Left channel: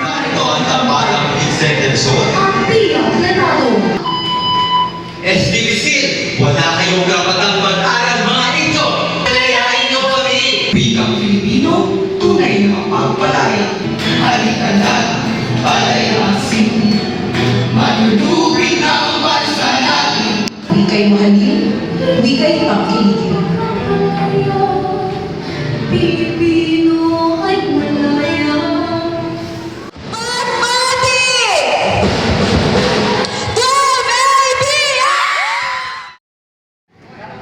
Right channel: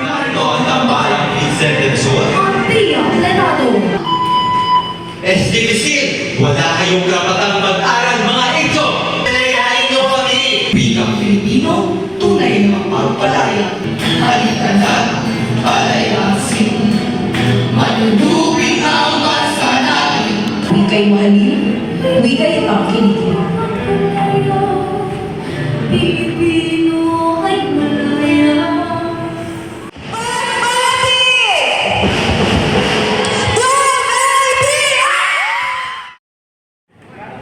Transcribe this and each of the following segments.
Narito ang tambalang Vincent Ang tiyak na nato. SDBC, wala kayong karapatang mag-aral mga ito. Palayain niyo kami. Bikang Pilipino, tunay na mapagpalaya. Halikanan, palayasin. Manunubin ang bansa natin. Wika'y mahalin, wika'y pakinig. Pilipino ay malaya.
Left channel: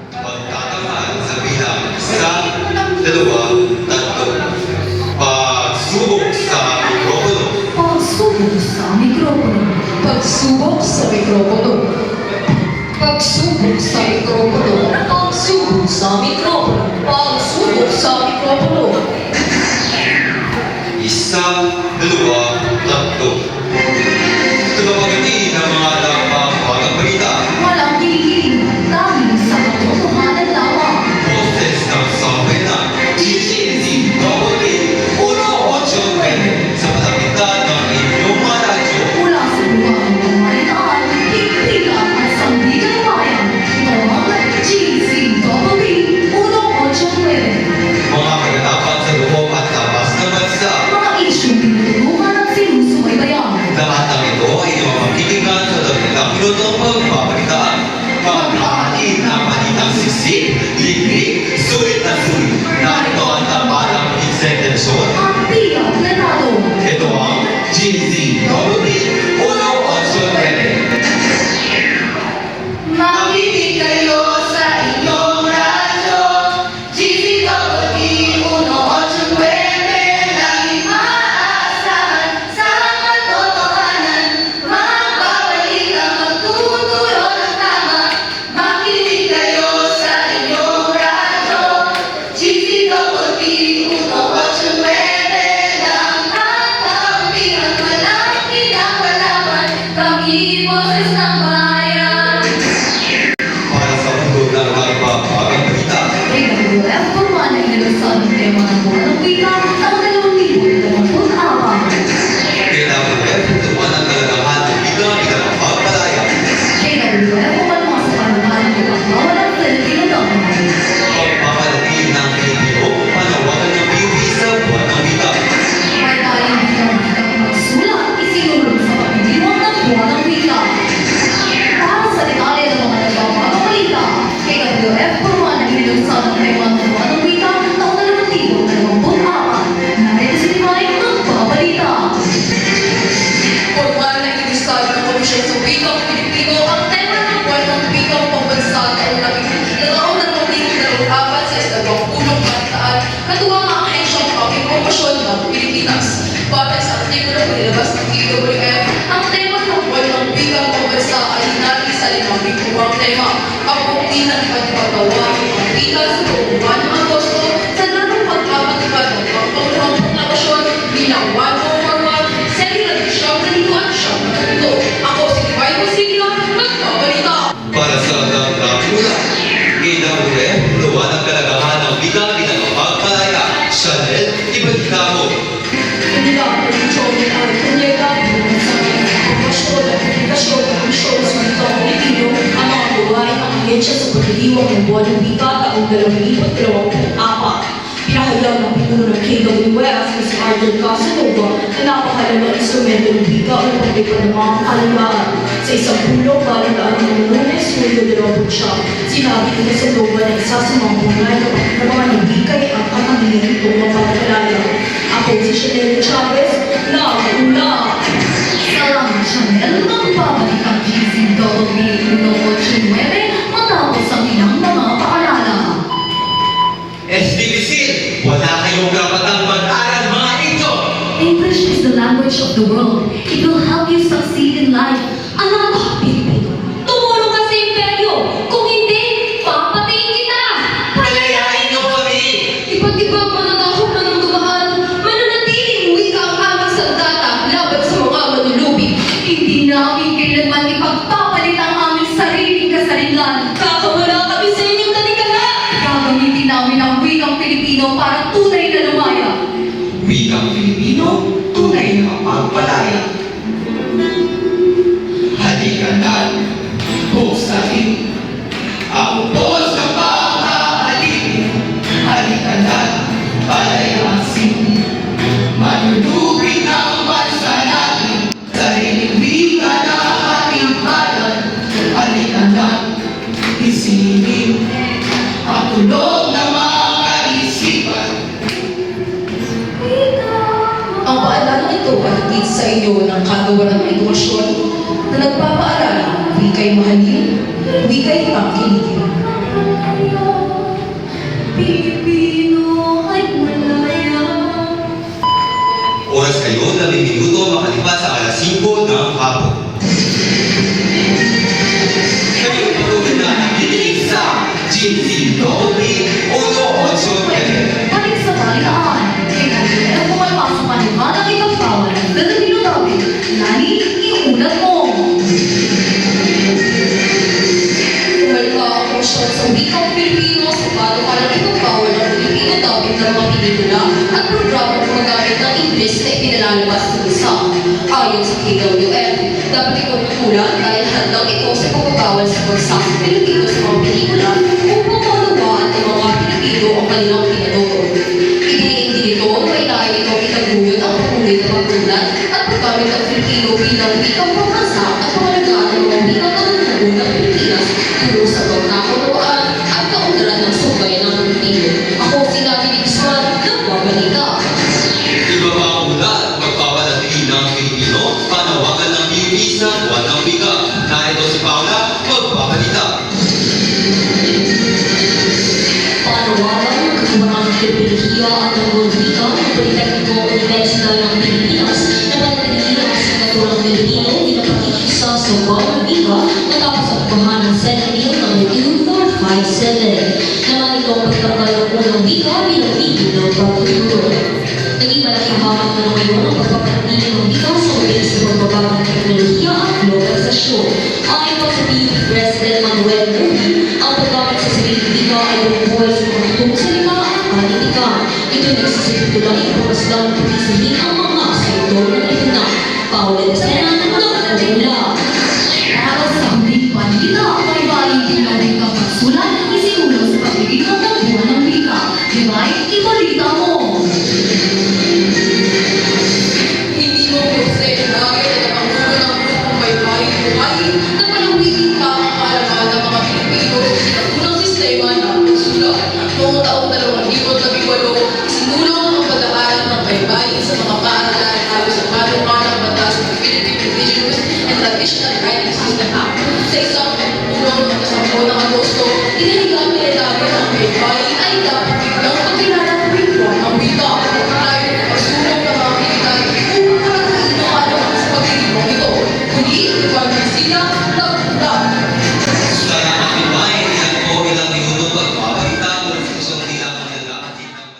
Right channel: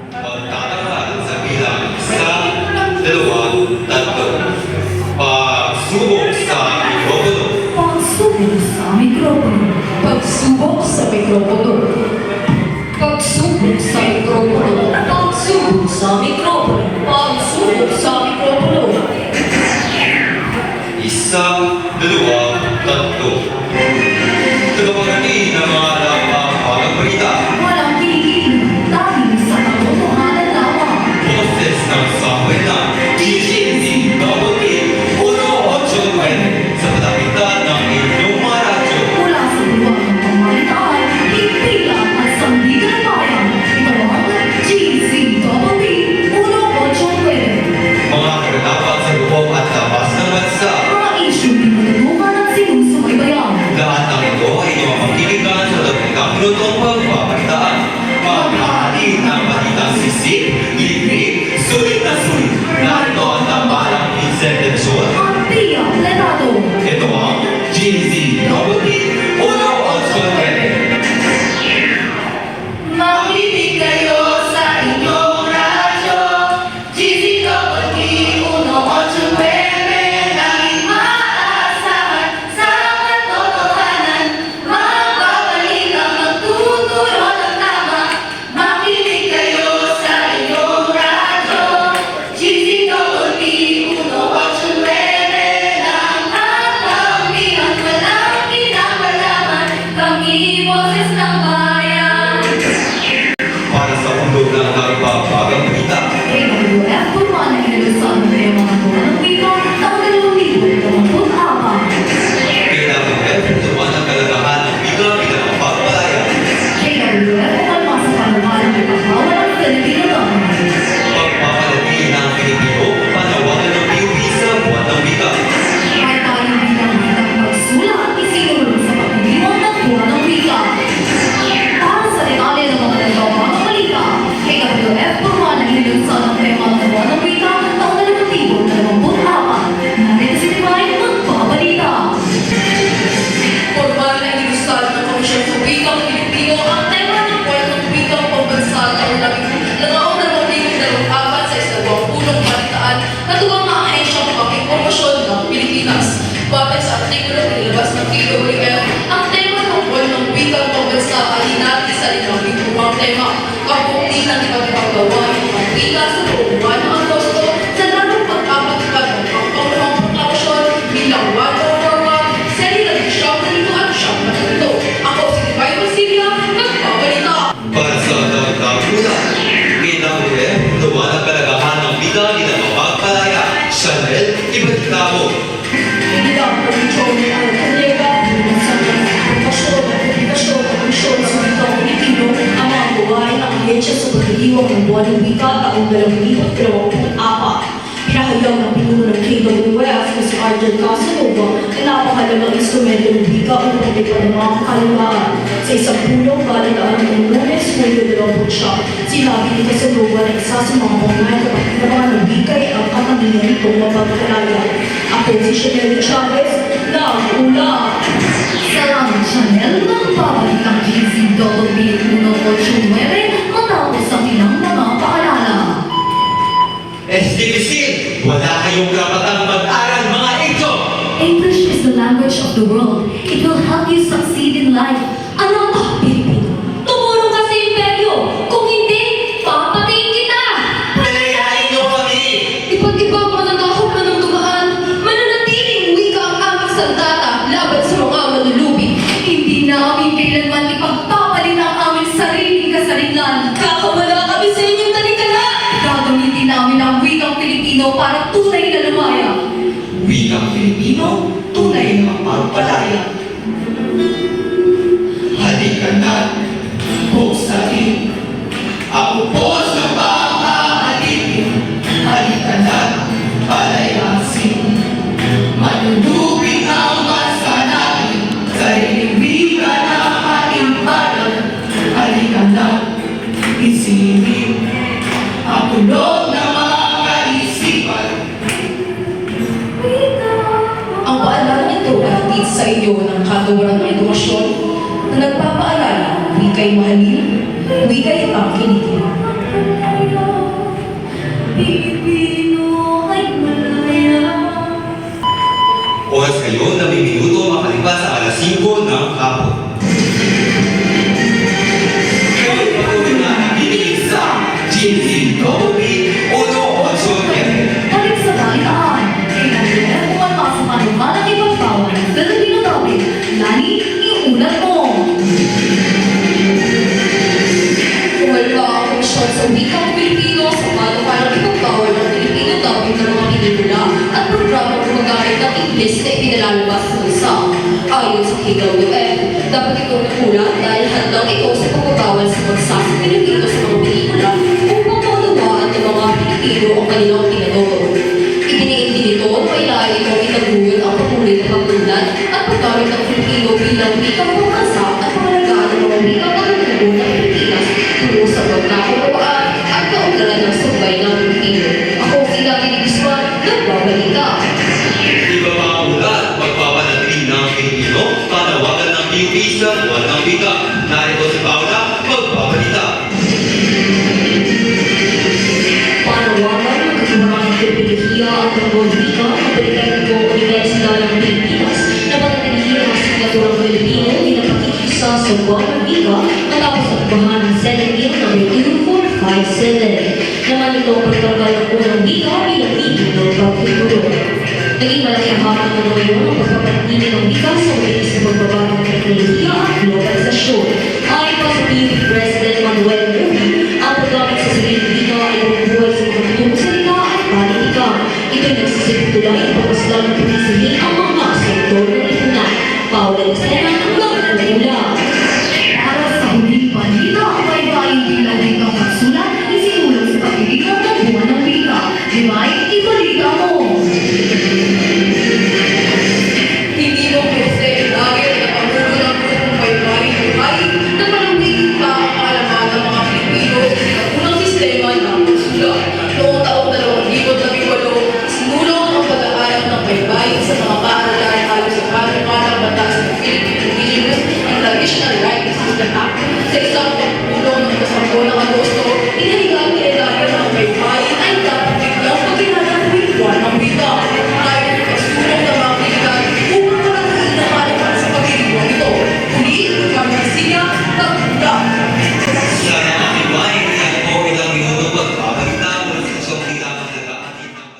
Pagtatamaan sa bilang 1, 2, 3. Pagsubok sa mikropono. Pagsubok sa mikropono. Pagsubok sa mikropono. Pagsubok sa mikropono. Pagsubok sa mikropono. Pagsubok sa mikropono. 1, 2, 3. Tagapagati ng mga dapat balita. Walang kiligin dahil sa katotohanan lamang. Boses ng sambayanan. DGC Double 189 sa patapitan ng inyong mga radyo. Mula sa lugar ng pamalitaan, himpilan at sandigan ng bayan. Ito ang GCWB 189. Mga kagatapan sa loob at labas ng bansa. Mga isyong tinutulungan at sinusubaybayan. Lahat ng ito ay inyong magkikigan sa dakilang minutong pagbabalitaan. Maghahatid ng balitang sisig, libre, sulit na sulit. Narito ang tambalang Vincent Luzon. Ang tiyak na nato. Ito ang GCWB 189. Makinig kayo sa inyong radyo. GCWB 189. Laging maaasahan sa katotohanan. Magbabalita, magtuturo ng tama. Makinig kayo sa inyong radyo. GCWB 189. Ang kakampihan, walang kinakalaman. Kami boses ng bayan. Para sa mundo ng nagbabagang balita. AWF formal na inilusan ng tema ng buwan ng wika taong 2024. KWF, tuwan ang kalagahan ng bilang mapagpalaya. AWF umalma sa panukalang pinakawan ng Filipino government. Pagpapalagi ng Pilipino, panawagan ng PUP sa buwan ng wika. Kahit tayong bilang wikang magsulat, isinulong sa pagdiriwang ng buwan ng wika. Para sa detalye ng mga nagbabagang balita, AWF formal na inilusan ng tema ng buwan ng wika taong 2024. Narito si Timay ng mga balita. Formal na inilusad ng Komisyon sa Wikang Pilipino ang tema ng buwan ng wikang pambansa taong 2024 sa isang punong balitaan na tuwang ang ahensyang pangpromosyon ng Pilipinas. Batay sa artikulo nilabas ng PWF, ang tema ng buwan ng wikang pambansa ay hinati sa 5 bituang tema. Ang bukti ng pagpagawa ng antika sa buong buwan ng Agosto sa lalong pagpapatupad ng pangkaunang proklamasyon bilang 1041 sa ilang siyang nalito at siyang nalito. Ako si Divine Musigla, nagbabalita. Para sa dagdag ulat, KWF, tuwan ang kalagahan ng bigang mapagpalaya. Chanel, Ibatikamo. Hindi ang produksyon ni Alcantara, sa promosyon at publikasyon ng misyon sa wikang Pilipino, ang mga gawain ng ahensya sa pagdiriwang ng buwan ng wika taong 2024. Pinahayag ng pinuno ng KWF na si Arjen Casanova na napakalagang instrumento ng wika upang maglipad ng mga kahalimbahan. Sa isang pulong balitaan ng Lunes, Hulyo 20 sinabi ni Casanova na isa sa mga pangunahing kapatiran ng wika ay ang katangian nitong mapagkalaya. Ako si Chanel Chavez, nag-ulat. Salamat Chanel, magbabalik ang GCWB 189 matapos ang ilang mga paalala. SDBC, wala kayong karapatang mag-aral mga ito. English is the language of the world. It will help you succeed in life. Alam ko, Pilipino, tumulong ka sa imperyo. Kung hindi, papatayin kita. Palayain niyo kami. Iba't ibang mga nagahok na ng dumaan, mananatiling wika ang aming sandata laban sa mga manulubig. Hindi namin kailanman ipagpapalit ang aming sariling kasarinlan. Kakamala kami sa inyong talikala. Gagamitin namin ang wikang Pilipino para tunay na lumaya. palayasin. Manunubig ang masanain sa liliwigan ng ating bayan. Halika na, isipin ang tulog ng mga isipan. Ang paalala ito ay hatid sa iyo ng Kagawaran ng Edukasyon na nagpapaalala, wika'y mahalin, wika'y tangkilikin. Pilipino ay malaya. Oras kayo na may minuto makalipas sa alas 5 ng hapon. Kayo patuloy na nakikinig sa GCOP 189. Balik sa balitaan, kailangan ang pumalpasok ang lumalang ipagpawal ng Filipino topic, lani iulat mo. Wala ang komisyon sa wikang Pilipino sa panukalang ipagpawal ng Filipino topic ng mga pelikula at programang gumagamit ng English na ipinalalabas sa bansa. Ayon sa KWF, dapat itong tukulan dahil handang ito sa pagbabawal sa bansa sa Pilipino sa mga pelikula upang maunawaan ng mga Pilipino ang kanilang pinanood. Idiniin din ito na ilahin itong itaguyod ang patuloy na pagpunan at paggamit ng Pilipino bilang wikang pambansa at pangalagaan ng mga wikang kagutubo ng Pilipinas tungo sa pagkakaunawaan at kaunlaran ng sabay ng Pilipino. Ako si Dati Guzman, nagbabalita. Iba pa ang ulat, magpapanatili ng Pilipino, panawagan ng PUP sa buwan ng wika. Narito si Paula, magpabalita. Panawagan ng Katiwaran ng Pilipiniya at ng Bolivika ng Politekniko Universidad ng Pilipinas na panatilihin ang asignaturang Pilipino bilang pakikisa sa buwan ng wika natapos ang bahan ng Senate Bill No. 2457. Naman ito ang pagtanggal ng unang wika bilang tigil ng pagtuturo. Naging malaking hamak na ngayon ang pagpapanatili ng wika sa mabilis na pagbabago ng teknolohiya at globalisasyon. Ayon pa sa PUP President Manuel Muji, ang paggamit sa sariling wika ay bumubuhay sa mga tutong salita at panitikan. Ito'y nagsisipito lang ipapaslan ng pagkisihin ang mga sektor ng lipunan. Paula Estena ng Pagkula. Para sa huling balita, baybayin bilang wikang pagsulat, isinulat sa pagdiriwang ng buwan ng wika. Diba'y ibalita mo! Hindi mo gusto lagi na napangulo ng grupong baybayin buhay na palawigin pa ang kaalaman ng mga Pilipino sa sinaunang sistema ng pagsulat. Noong taong 2018, sinulong ang pag-aaral ng baybayin sa mga paaralan ayon sa panukalang batas ng Philippine Indigenous and Traditional Writing System Act. Sa isang pagpulong ng 10 ng Agosto, inaligamin na dahil ang baybayin ay dapat biglang pagkilala tuwing buwan ng wika. Ayon ang pasulong ng mga kritikal upang palagay ng kaalaman sa pagdiriwang ito. Muli, Ivan Garcia, Tagpulan. Sa nakakibay, yan po ilang minuto pagpabalita mula sa kusong tila ang nag-aakit ng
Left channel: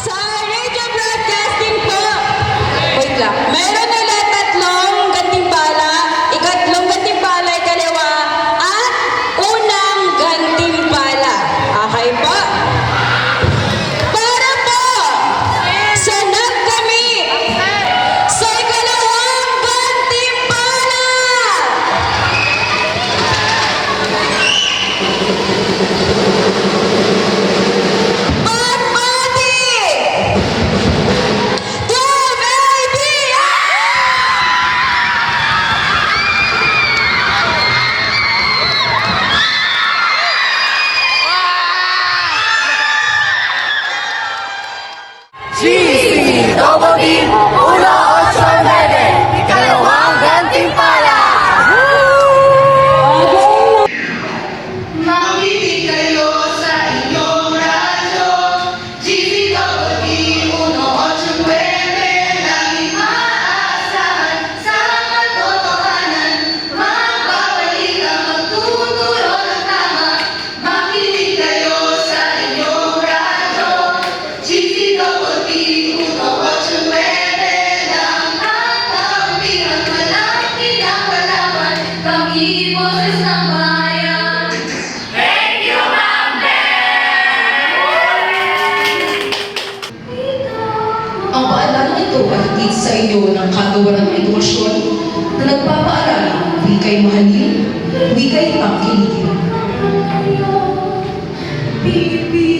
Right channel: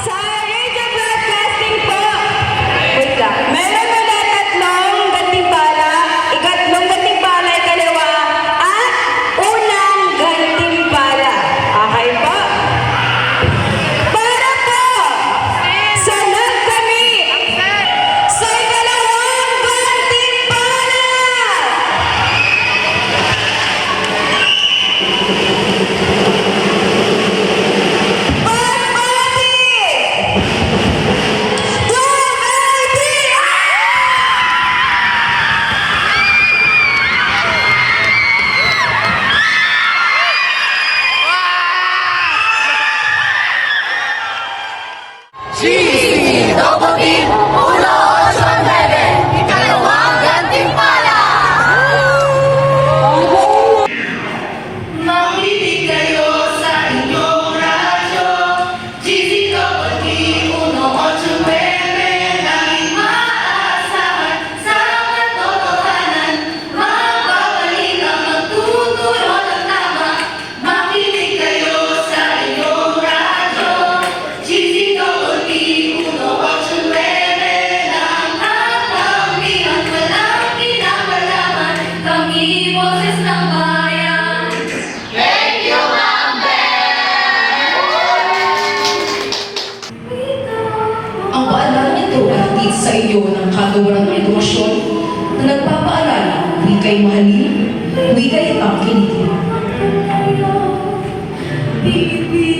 Sa radio broadcasting po, meron ulit tatlong gantimpala, ikatlong gantimpala ay kaliwa, at unang gantimpala. Okay po? Para po sa nagkami sa ikalawang gantimpala. Pag-ati! Makinig kayo sa inyong radyo, GCOP 189, laging maaasahan sa katotohanan, magbabalik ang magtuturo ng tama. Makinig kayo sa inyong radyo, GCOP 189, ang kakampihan, walang pinapalaman, kami boses ng bayan. Thank you, Ma'am Ang paalala ito ay hatid sa iyo ng Kagawaran ng Edukasyon na nagpapaalala, wika'y mahalin, wika'y tangkilikin. Ben.